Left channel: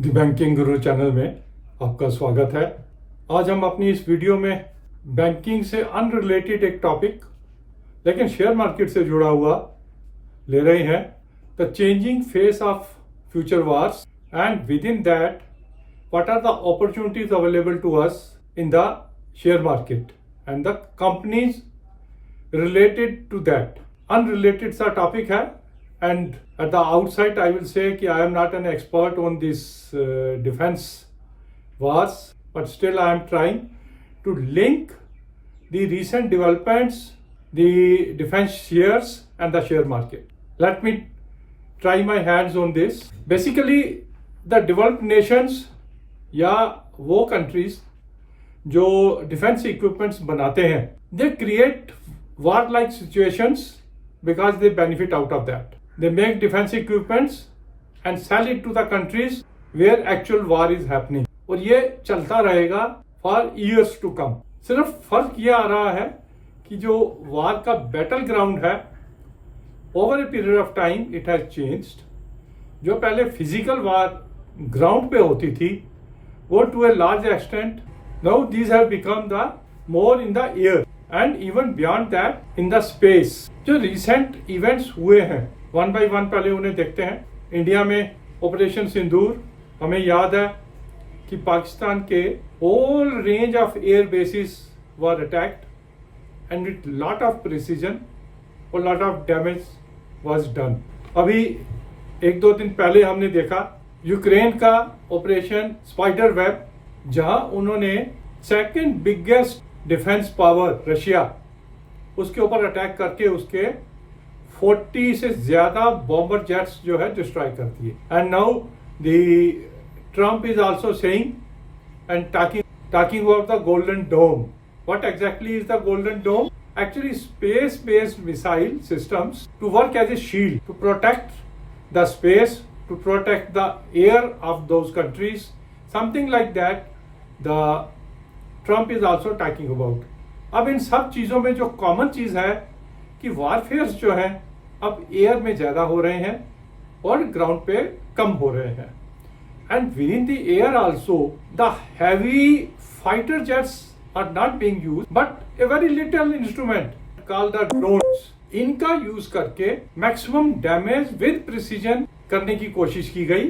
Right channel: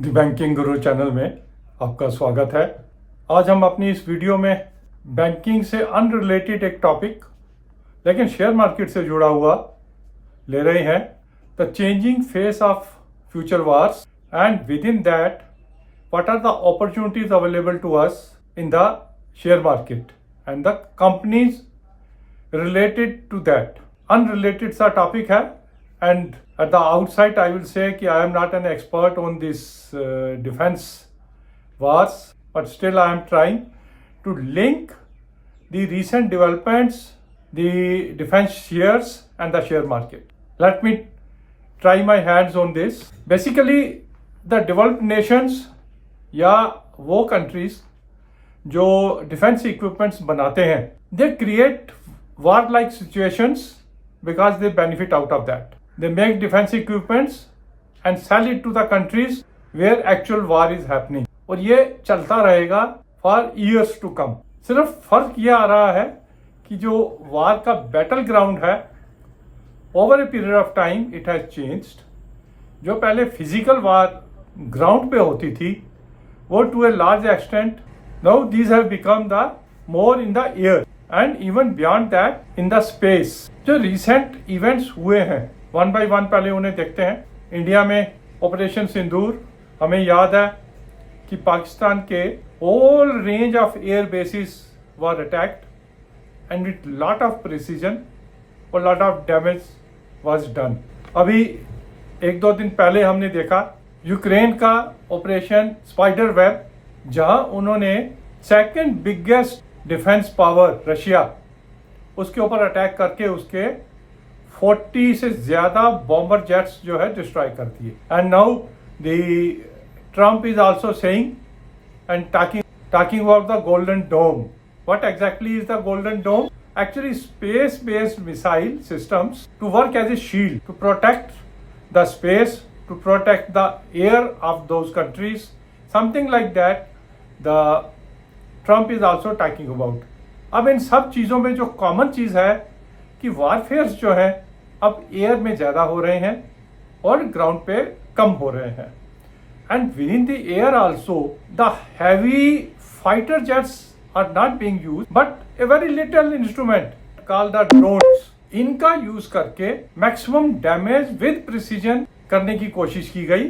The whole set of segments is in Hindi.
द बैंकिंग गुरु चैनल में आपका स्वागत है। आज हम अपनी इस वीडियो में बैंकिंग से अनरिलेटेड एक टॉपिक लेकिन शेयर मार्केट से जुड़ा हुआ ले रहे हैं, the changing face of future wars and within that what are the opportunities available to us in the share market and the companies related to that. Unrelated सा टॉपिक है and at the outside I will say कि I am not an expert on this defense wars, but still I am trying to link the recent developments, the defense shares and the share market. Let me try my hands on this. Basically the developed nations या वो countries जो defense equipments बनाते हैं, they create war like situations because they benefit out of that. They make defense equipments and sell it to the countries where actual war is happening. और ये चलता रहेगा for years to come. सिर्फ फर्क ये आ रहा है कि जो वार का बैटल ग्राउंड है over a period of time it has changed. जो पहले फिजिकल वार ग्राउंड पे होती थी वो to a large extent now these have become the more in the air and even beyond that in the space. जो रिसेंट इवेंट्स हुए हैं वन बाय वन पहले उन्हें देखते हैं। इंडिया में ऑपरेशन सिंदूर, हमें याद है कि पाकिस्तान के whole range of air bases were attacked and with lot of precision और lot of damage was done. अभी एक दो दिन पहले हमने देखा यूक्रेन का ऑपरेशन स्पाइडर वेब, जहां उन्होंने second biggest defence power Russia उसके ऊपर अटैक करके उसके 40 से ज्यादा बॉम्बर जेट्स जो है डिस्ट्रॉय कर दिए। And now the Trump is also saying and talking about the golden dome. What exactly is the golden dome? Actually space based missile systems to work as a shield to protect the space, to protect the air of those countries, something like that the Trump is also talking about. अब इन सब चीजों में जो कॉमन चीज है कि वारफेयर्स जो है अब एयर में ज्यादा हो रहे हैं और ग्राउंड पे कम हो रहे हैं। And within the air also the heavy fighter jets are not being used but a very little instrument called the drones. इनका यूज करके मैक्सिमम डैमेज विद प्रिसीजन करने की कोशिश की गई।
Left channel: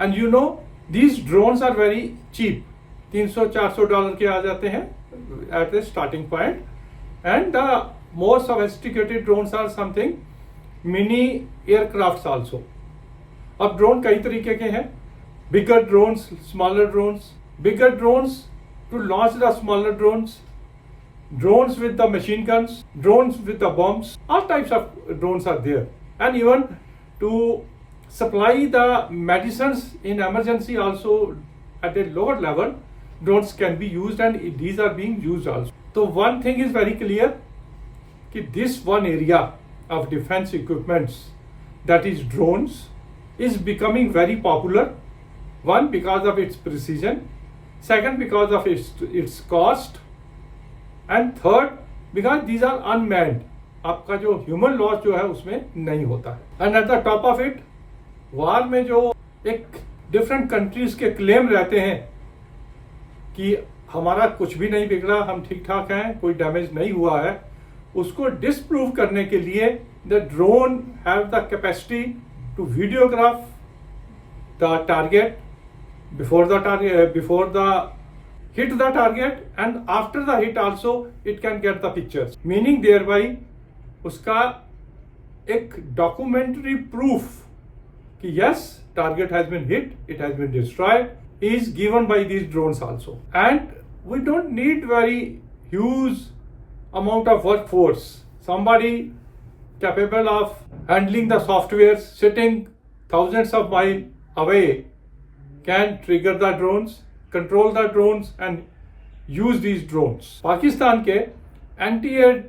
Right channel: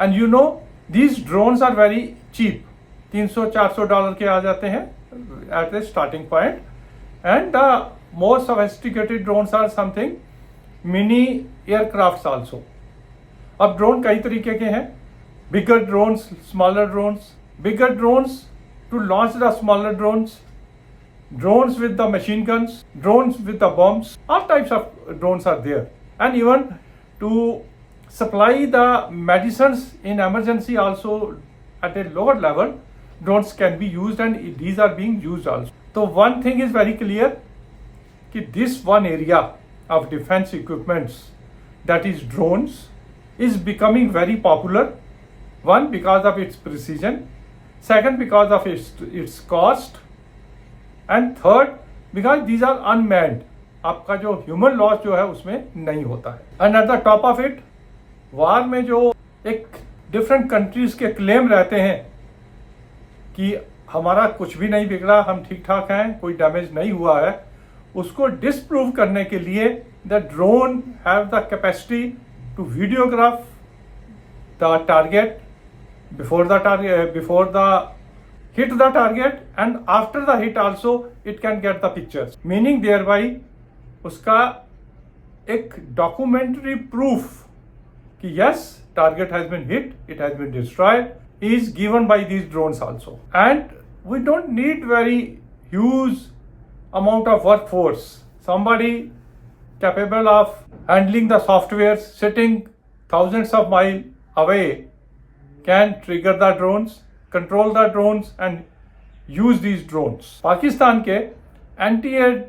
And you know these drones are very cheap, $300-400 के आ जाते हैं at the starting point. And the more sophisticated drones are something mini aircrafts also. अब ड्रोन कई तरीके के हैं, bigger drones, smaller drones, bigger drones to launch the smaller drones, drones with the machine guns, drones with the bombs, all types of drones are there. And even to supply the medicines in emergency also at a lower level, drones can be used and these are being used also. So one thing is very clear कि this one area of defense equipments, that is drones, is becoming very popular. One, because of its precision. Second, because of its cost. And third, because these are unmanned. आपका जो ह्यूमन लॉस जो है उसमें नहीं होता है। And at the top of it, war में जो एक डिफरेंट कंट्रीज के क्लेम रहते हैं कि हमारा कुछ भी नहीं बिगड़ा, हम ठीक ठाक हैं, कोई डैमेज नहीं हुआ है, उसको डिस्प्रूव करने के लिए the drone have the capacity to videograph the target before the hit the target and after the hit also it can get the pictures, meaning thereby उसका एक डॉक्यूमेंट्री प्रूफ कि yes target has been hit, it has been destroyed is given by these drones also. And we don't need very huge amount of workforce. Somebody capable of handling the software sitting thousands of miles away can trigger the drones, control the drones and use these drones. Pakistan के एंटी एयर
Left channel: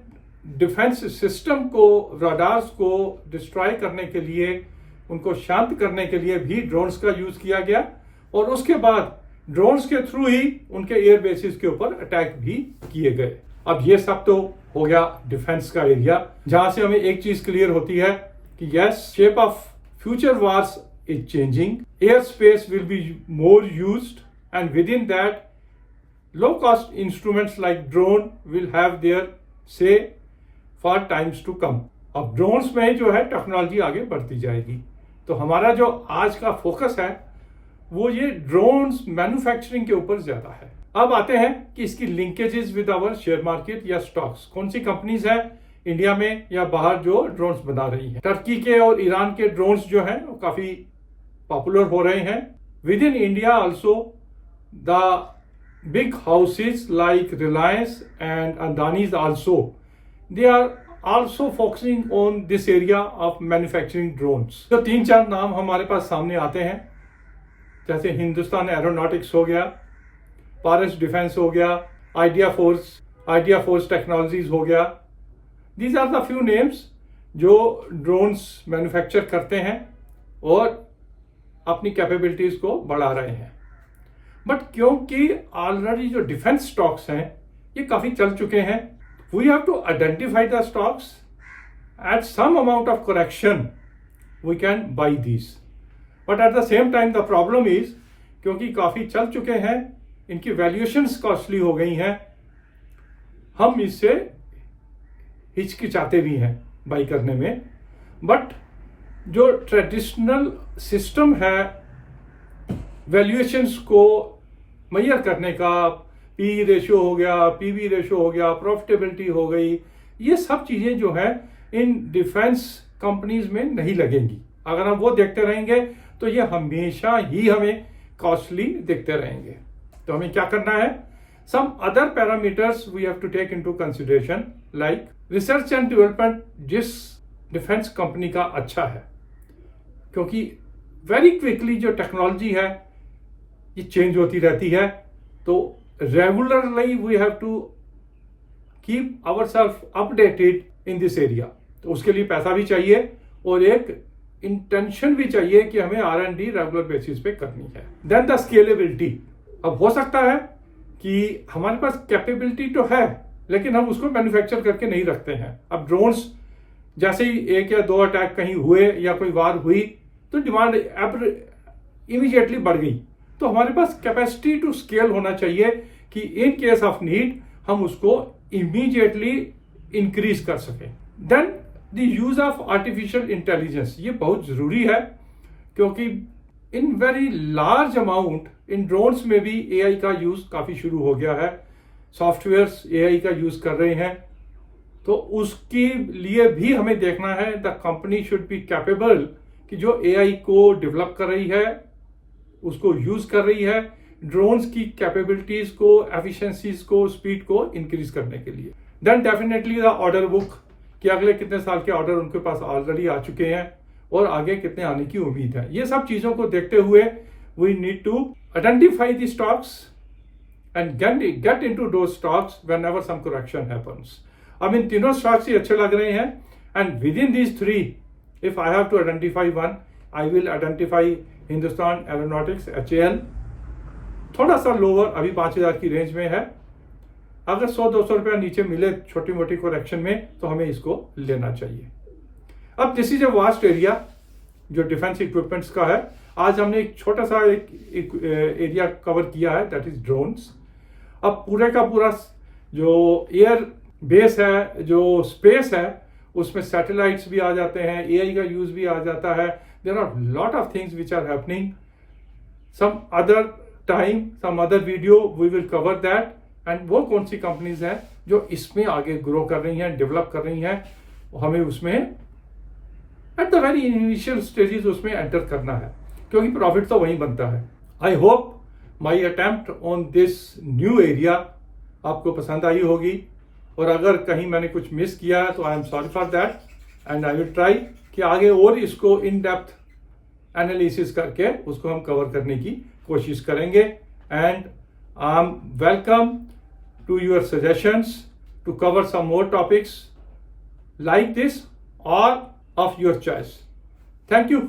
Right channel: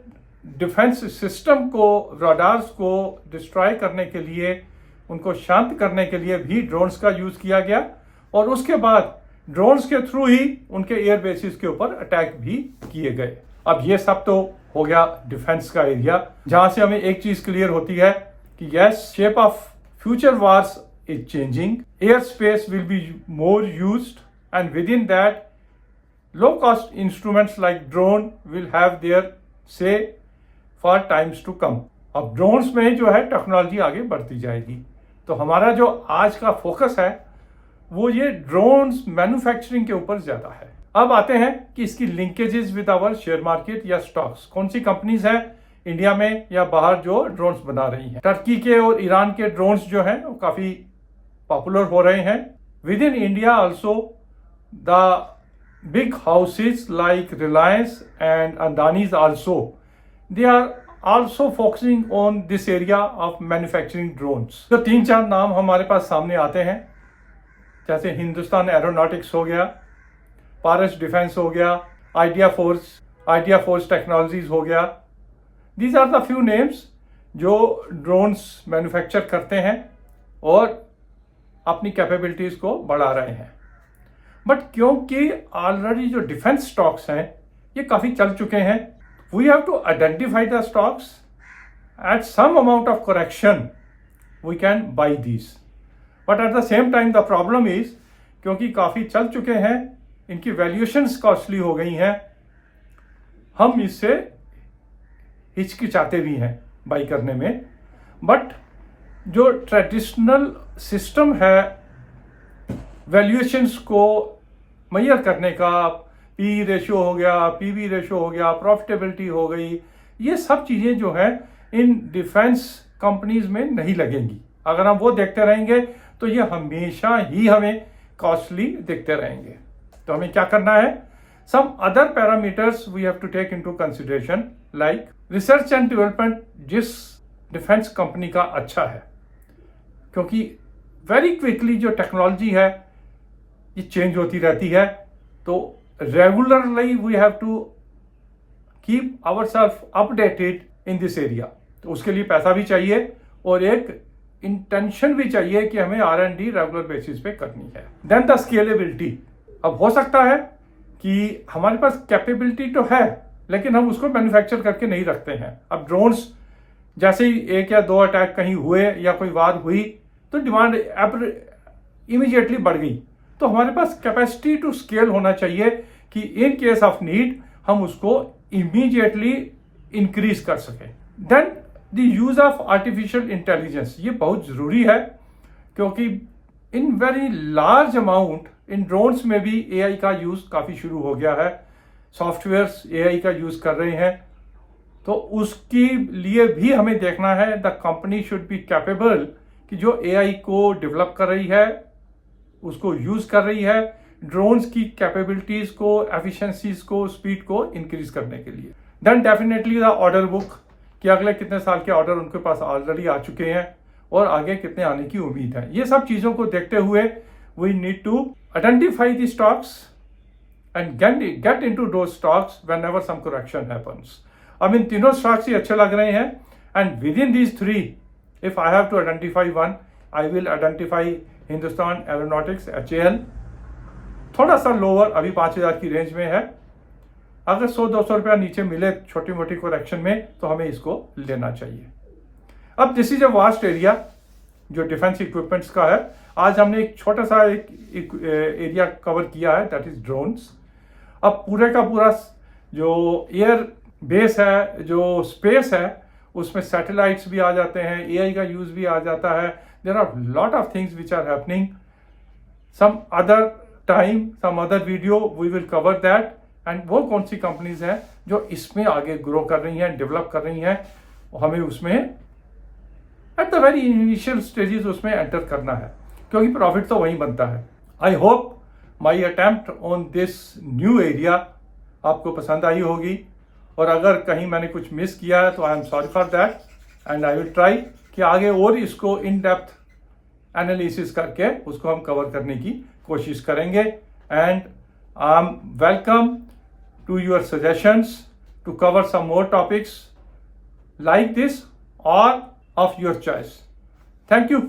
डिफेंस सिस्टम को, रडार्स को डिस्ट्रॉय करने के लिए, उनको शांत करने के लिए भी ड्रोन्स का यूज किया गया और उसके बाद ड्रोन्स के थ्रू ही उनके एयर बेसिस के ऊपर अटैक भी किए गए। अब ये सब तो हो गया डिफेंस का एरिया, जहां से हमें एक चीज क्लियर होती है कि yes, shape of future wars is changing. Airspace will be more used, and within that, low-cost instruments like drone will have their say for times to come. अब ड्रोन्स में जो है टेक्नोलॉजी आगे बढ़ती जाएगी, तो हमारा जो आज का फोकस है वो ये ड्रोन्स मैन्युफैक्चरिंग के ऊपर ज्यादा है। अब आते हैं कि इसकी linkages with our share market या स्टॉक्स, कौन सी कंपनीज हैं इंडिया में या बाहर जो ड्रोन्स बना रही हैं। टर्की के और ईरान के ड्रोन्स जो हैं वो काफी पॉपुलर हो रहे हैं। Within India also the big houses like Reliance and Adanis also, they are also focusing on this area of manufacturing drones। तो 3-4 नाम हमारे पास सामने आते हैं, जैसे हिंदुस्तान एरोनॉटिक्स हो गया, पारस डिफेंस हो गया, आइडिया फोर्स टेक्नोलॉजीज हो गया। These are the few names जो ड्रोन्स मैन्युफैक्चर करते हैं और अपनी कैपेबिलिटीज को बढ़ा रहे हैं। बट क्योंकि ऑलरेडी जो डिफेंस स्टॉक्स हैं ये काफी चल चुके हैं, we have to identify the stocks. At some amount of correction we can buy these, but at the same time the problem is क्योंकि काफी चल चुके हैं, इनकी वैल्यूएशंस कॉस्टली हो गई हैं, हम इससे हिचकिचाते भी हैं बाई करने में। बट जो ट्रेडिशनल सिस्टम है वैल्यूएशंस को मेजर करने का, पी रेशियो हो गया, पीवी रेशियो हो गया, प्रॉफिटेबिलिटी हो गई, ये सब चीजें जो है इन डिफेंस कंपनीज में नहीं लगेंगी। अगर हम वो देखते रहेंगे तो ये हमेशा ही हमें कॉस्टली दिखते रहेंगे। तो हमें क्या करना है, some other parameters we have to take into consideration, like research and development जिस डिफेंस कंपनी का अच्छा है, क्योंकि वेरी क्विकली जो टेक्नोलॉजी है ये चेंज होती रहती है, तो regularly we have to keep ourself updated in this area. तो उसके लिए पैसा भी चाहिए और एक इंटेंशन भी चाहिए कि हमें R&D रेगुलर बेसिस पे करनी है। Then the scalability. अब हो सकता है कि हमारे पास कैपेबिलिटी तो है लेकिन हम उसको मैन्युफैक्चर करके नहीं रखते हैं। अब ड्रोन्स जैसे ही 1 या 2 अटैक कहीं हुए या कोई वार हुई तो डिमांड इमीडिएटली बढ़ गई, तो हमारे पास कैपेसिटी टू स्केल होना चाहिए कि इन केस ऑफ नीड हम उसको इमीडिएटली इंक्रीज कर सकें। Then the use of artificial intelligence, ये बहुत जरूरी है क्योंकि इन वेरी लार्ज अमाउंट इन ड्रोन्स में भी एआई का यूज काफी शुरू हो गया है, सॉफ्टवेयर्स एआई का यूज कर रहे हैं, तो उसके लिए भी हमें देखना है the company should be capable कि जो एआई को डेवलप कर रही है उसको यूज कर रही है ड्रोन्स की कैपेबिलिटीज को, एफिशिएंसीज को, स्पीड को इंक्रीज करने के लिए। Then definitely the order book, कि अगले कितने साल के ऑर्डर उनके पास ऑलरेडी आ चुके हैं और आगे कितने आने की उम्मीद है। ये सब चीजों को देखते हुए we need to identify the stocks and get into those stocks whenever some correction happens. अब इन तीनों स्टॉक्स ही अच्छे लग रहे हैं and within these 3 if I have to identify one, I will identify Hindustan Aeronautics HAL, थोड़ा सा लोअर अभी 5000 की रेंज में है। अगर 100-200 रुपया नीचे मिले छोटी मोटी करेक्शन में तो हमें इसको लेना चाहिए। अब this is a vast area जो डिफेंस इक्विपमेंट्स का है। आज हमने एक छोटा सा एक एरिया कवर किया है, दैट इज ड्रोन्स। अब पूरे का पूरा जो एयर बेस है, जो स्पेस है, उसमें सैटेलाइट्स भी आ जाते हैं, एआई का यूज भी आ जाता है। There are lot of things which are happening. Some other time, some other video we will cover that. And वो कौन सी कंपनीज हैं जो इसमें आगे ग्रो कर रही हैं, डेवलप कर रही हैं, हमें उसमें at the very initial stages उसमें एंटर करना है, क्योंकि प्रॉफिट तो वहीं बनता है। I hope my attempt on this new area आपको पसंद आई होगी, और अगर कहीं मैंने कुछ मिस किया है तो I am sorry for that and I will try कि आगे और इसको इन डेप्थ एनालिसिस करके उसको हम कवर करने की कोशिश करेंगे। And I am welcome to your suggestions to cover some more topics like this or of your choice. Thank you.